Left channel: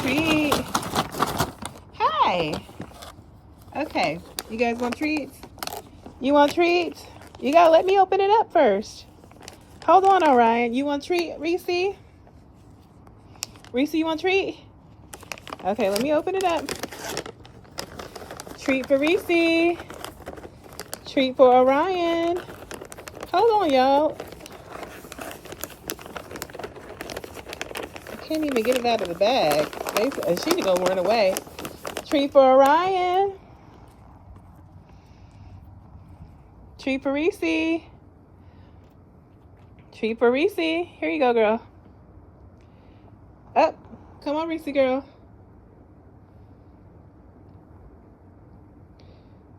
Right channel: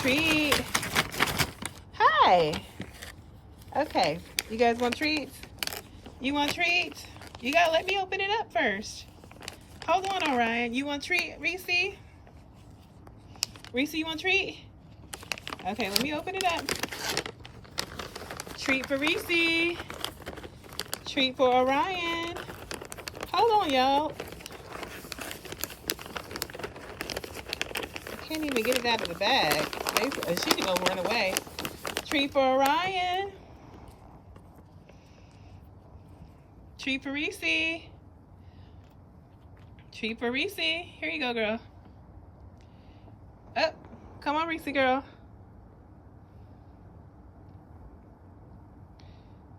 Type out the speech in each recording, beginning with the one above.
treat. Hi. Okay. You guys want treats? You want treats? You gotta let me open it up first. Hold on, Orion. You want treat, Reese? Reese, you want treat? Okay, let me open it up. Treat for Reese. Treat for Orion. Hold on, y'all. I can't even get it out of the bag. She's gonna run away. Treat for Orion. Treat for Reese. Treat for Reese. Here you go, girl. Up. Come on, Reese, girl.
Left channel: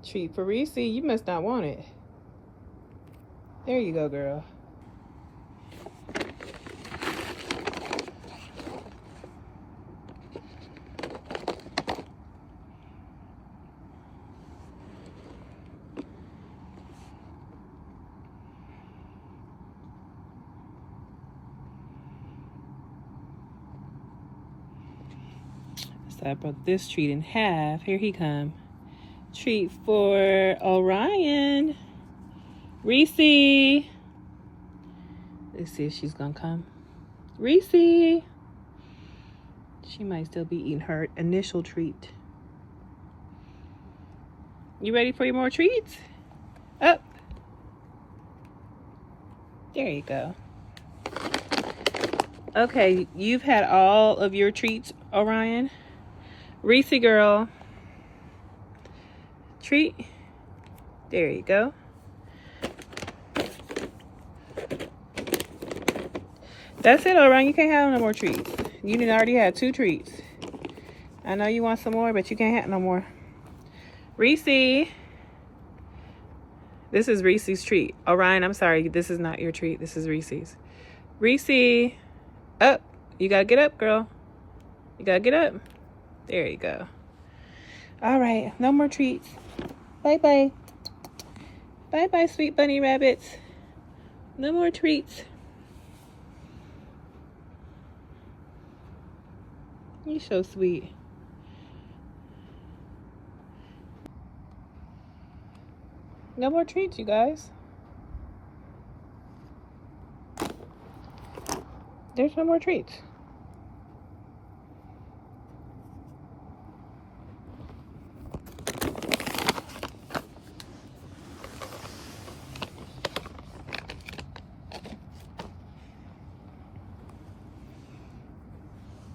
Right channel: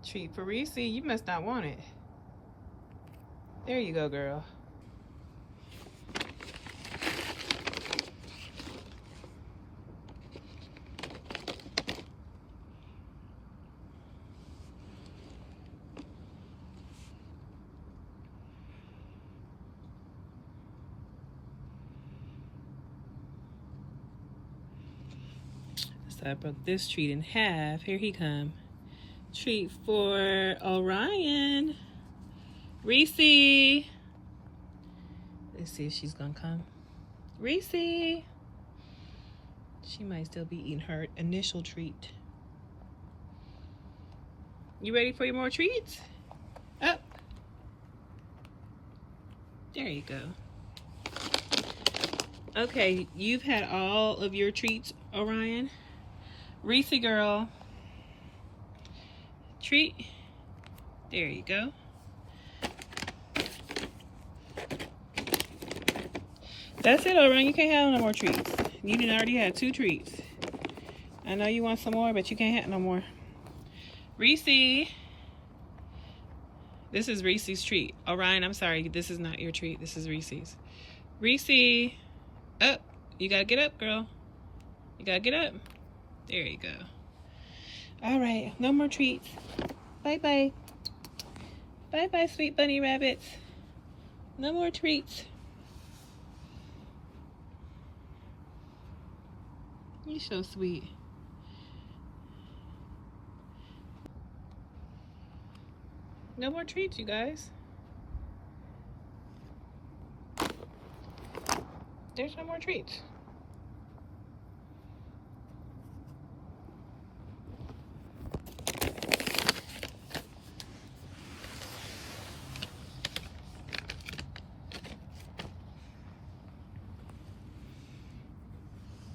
Treat for Reese. You must not want it. There you go, girl. So I broke this treat in half. Here he come. Treat for Orion. Reese. Let's see if she's gonna come. Reese. She might still be eating her initial treat. You ready for your more treats? Up. There you go. Okay, you've had all of your treats, Orion. Reese girl. Treat. There you go. That's it, Orion. You can't have no more treats. You didn't already had 2 treats. I know you want some more, but you can't have no more. Reese. This is Reese's treat. Orion, I'm sorry. This is not your treat. This is Reese's. Reese. Up. You gotta get up, girl. You gotta get up. There you go. All right. No more treats. Bye-bye. Bye-bye, sweet bunny rabbits. No more treats. You're so sweet. No more treats, you guys. There's no more treats.